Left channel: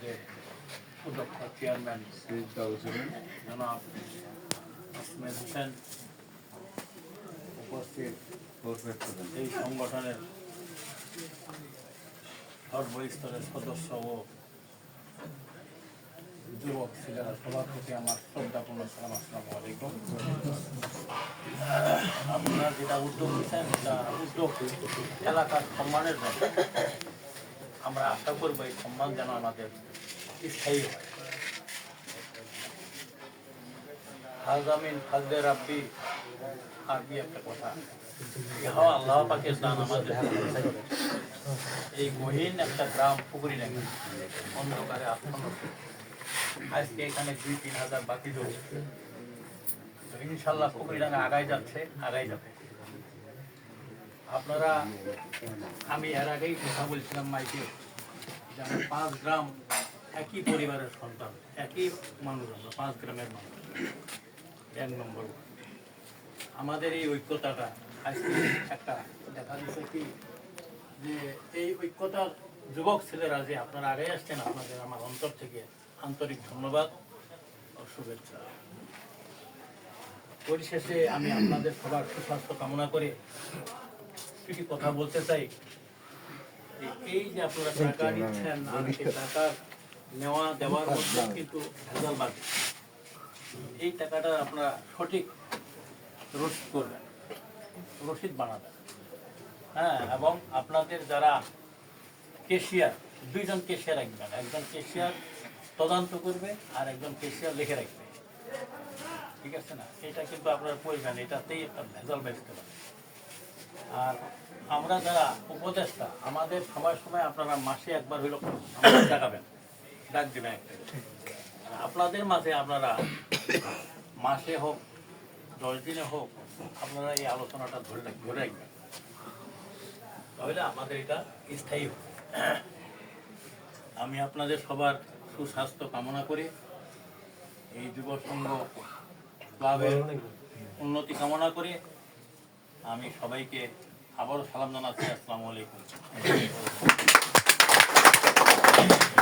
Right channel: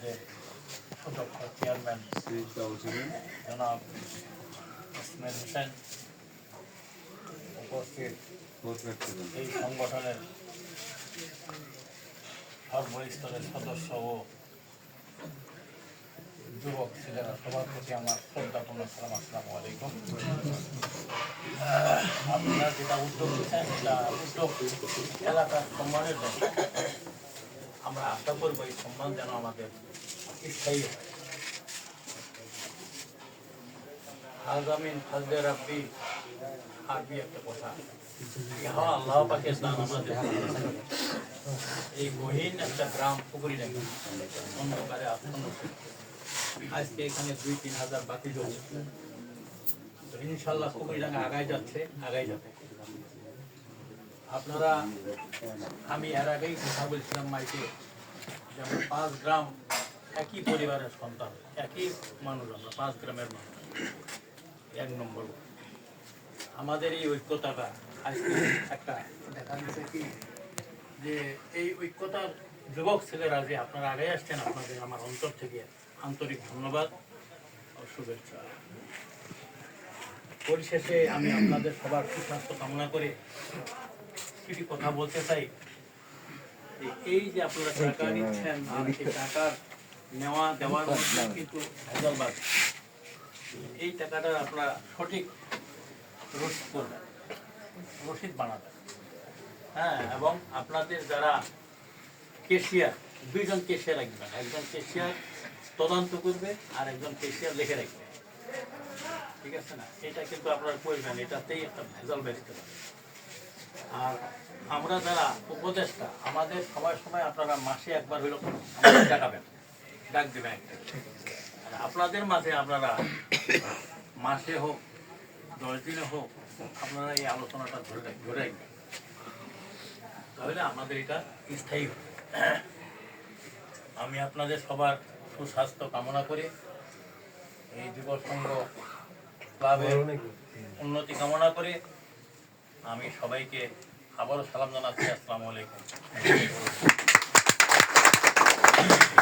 আমাদের সুদক্ষ চেয়ারম্যান জনাব আসমেদ হোসেন, উপস্থিত এই সংগঠনের সর্বস্তরের সদস্য ও যুবক ছেলেরা সবার প্রতি আমার শ্রদ্ধাপূর্ণ সালাম। আসসালামু আলাইকুম। আপনারা যেটা উদ্যোগ নিচ্ছেন এটা উদ্যোগ এলাকার সম্মানের জন্য। আমরা আশা করবো এই সম্মান যেন আমাদের স্থায়ী হয়। আগামীন ফাজলে রাব্বি আরবি একটা কথা, ইহা আল্লাহ পাকের দান আমাদের। এই গহীন একটা গ্রাম পুকুরি নাকি অন্ধকারে আচ্ছন্ন, আজকে এখানে 2-3 হাজার বাকি জমি, ইনশাল্লাহ পুকুরিডাঙ্গা আগাই যাচ্ছে, আগাই যাবে। আপনারা, আমি এর আগেই কথা বলছিলাম মাইকে, যেমন 5 গ্রাম একই পরিবারের সন্তান, একই মানুষ, আমরা 5 গ্রামের মানুষ। 1 নম্বর আমাদের এই ঐক্যতাটা আজকে একটা দেখা যাচ্ছে কি যে এই ঐক্যতার যুবক ছেলেরা যে আপনারা আগে আসছেন, আপনাদের আমার অন্তর থেকে আন্তরিক ধন্যবাদ ও শুভেচ্ছা। পরিশেষে আমি আপনাদের সবার সুস্বাস্থ্য কামনা করে কিছু কথা বলতে চাই। এই যে আপনারা টাকা নিচ্ছেন, টাকার নেওয়া দেওয়ার মধ্যে কিন্তু ভেজালবাদ। এই টাকাটা আপনারা সঠিক রসিদ করবেন, রসিদ বানাবেন। হ্যাঁ, এবং আপনাদের যারা কেশিয়ার, 2 জন কেশিয়ার রাখবেন। একজন কেশিয়ার তদন্ত করবে আর একজন কেশিয়ার লিখে রাখবে, ঠিক আছে না? এটা কিন্তু আপনার প্রয়োজন, এটাতেই একটা ভেজাল বেচতে পারে। আর আমরা যারা উপদেষ্টা, আমাদের সময় সময় আপনারা মাসে একবার হইল ডাকাবেন, ডাক দেবেন একটা। আপনাদের মাঝে আপনারা মাসে হোক 10 দিনে হোক আপনারা এই আলোচনাটা ধরে রাখবেন, তাহলে আমাদের এটা স্থায়ী হবে। আমি আপনাদের সবার সুস্বাস্থ্য কামনা করে এই যুব সংঘ ক্লাবের উন্নতি কামনা করে আমি সবাইকে আবারও সালাম জানাচ্ছি। আসসালামু আলাইকুম।